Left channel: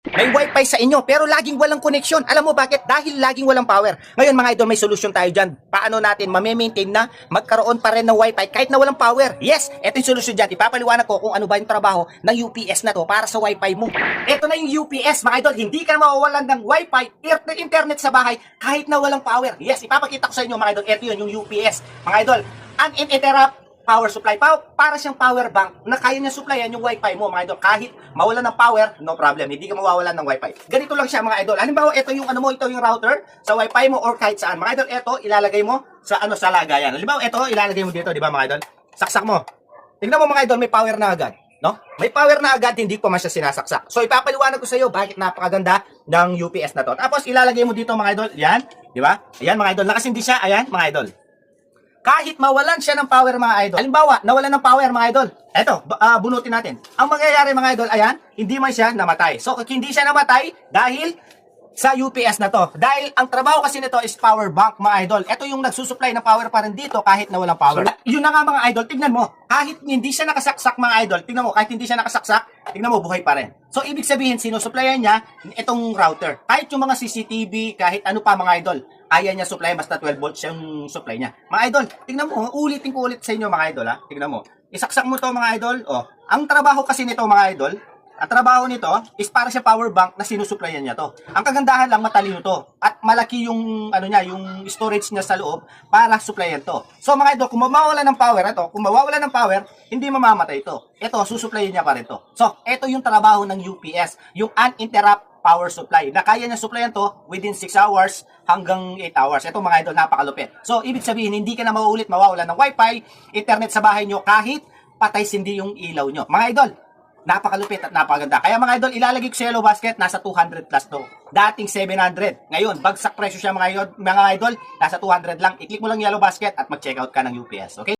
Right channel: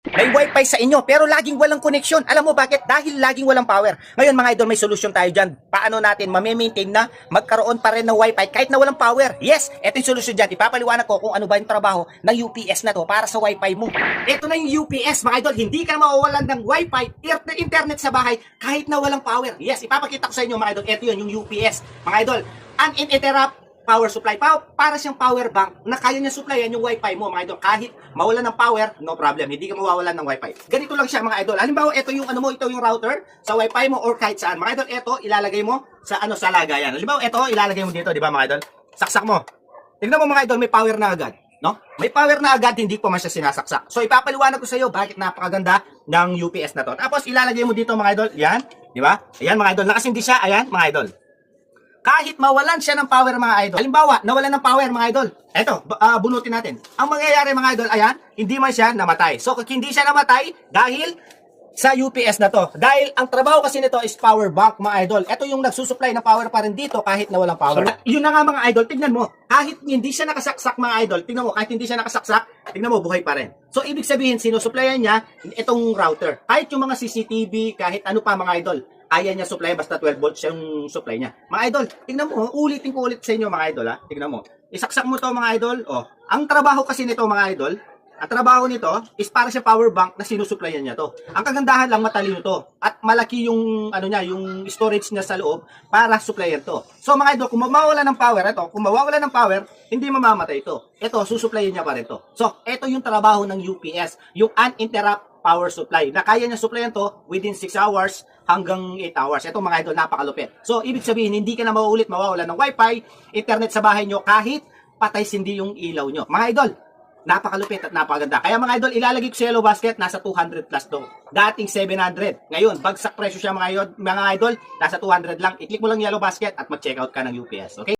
May wifi sa inyo pero laging walang connection. Alam mo bakit? Dahil laging walang power. Ngayon mga idol, may solusyon tayo dyan. Paano natin ma-maintain na magkaroon pa rin ng wifi kahit na walang power? Yes, ito yung solusyon dyan. Ipapaliwanag ko kung ano ba yung trabaho ng UPS na to para sa wifi mo. Ito na yung UPS mga idol. Hindi ka mawawalan ng wifi, internet sa bahay kahit na walang power. Yes, ipapakita ko sa inyo mga idol. Ito yun, yung UPS. Mga idol, uninterrupt power supply. Para siyang power bank na kaya niya supplyan yung wifi mo mga idol. Kahit mawalan ng power, no problem. Hindi ka mawawalan ng wifi. Ganito lang siya mga idol. Halimbawa, ito yung ano mo, ito yung router sa wifi mo or kahit saan. Mga idol, ito ilalagay mo sa sa lagayan. Halimbawa, ito ilalagay mo dito, di ba mga idol? Saksak mo. Tingnan mo mga idol, may power na agad. No? May power na agad, hindi ko man siya sinasaksak. So ipapaliwanag ko sa iyo bakit napakaganda ng UPS na to. Tapos ilalagay mo dito mga idol, yan, di ba? Ayan mga idol, nakasindi siya, ayan mga idol. Kahit mawalan siya ng power mga idol. Halimbawa, nawalan ng power mga idol. Eto, bunutin natin. Ang mangyayari mga idol, ayan, hindi man siya namatay. So, hindi siya namatay dahil sa UPS na to. Dahil ang trabaho kasi nito is power bank mga idol. Ito yung nagsusupply ng power pa rin dito kahit nawalang power. So, yun na nga mga idol, tignan mo. Kahit hindi siya nakasaksak mga idol, tignan mo, kahit hindi siya nakasaksak, tignan mo, buhay pa rin. So, ibig sabihin, sinusupplyan niya itong router. Kahit yung mga CCTV, kahit ano pa mga idol, ayaw niya supply, basta 12 volts yung supply niya. Mga idol, tingnan mo, ulitin ko ulit sa inyo mga idol ha. Tingnan mo. Isaksak mo to mga idol. Oh, ang trabaho kasi nito mga idol, ang trabaho nito is para sa power bank na sinusupplyan niya to. Ang kagandahan lang, matalino to. At malaki yung ano niya, yung storage niya sa loob para supplyan to. So mga idol, kung mawawala ng power ito, kung mawawala ng power, hindi mamamatay ito. Ito, susupplyan niya pa rin to. So, ito yung trabaho ng UPS, yung uninterrupt power supply, na kaya niya supplyan to within 6 hours hanggang 8 hours. Ito mga idol, napakalupit. So, ibig sabihin, hindi ka na mauulit mawawalan ng wifi, internet sa bahay nyo, kahit patay sindi yung ilaw nyo. Mga idol, napakalupit at napakaganda. Kaya mga idol, ilalagay ko sa yellow basket, nasa 200 plus to. Dating 700. Ngayon, bagsak presyo siya mga idol, nasa 200 lang. I-click mo lang yellow basket at mag-check out ka ng UPS. Okay?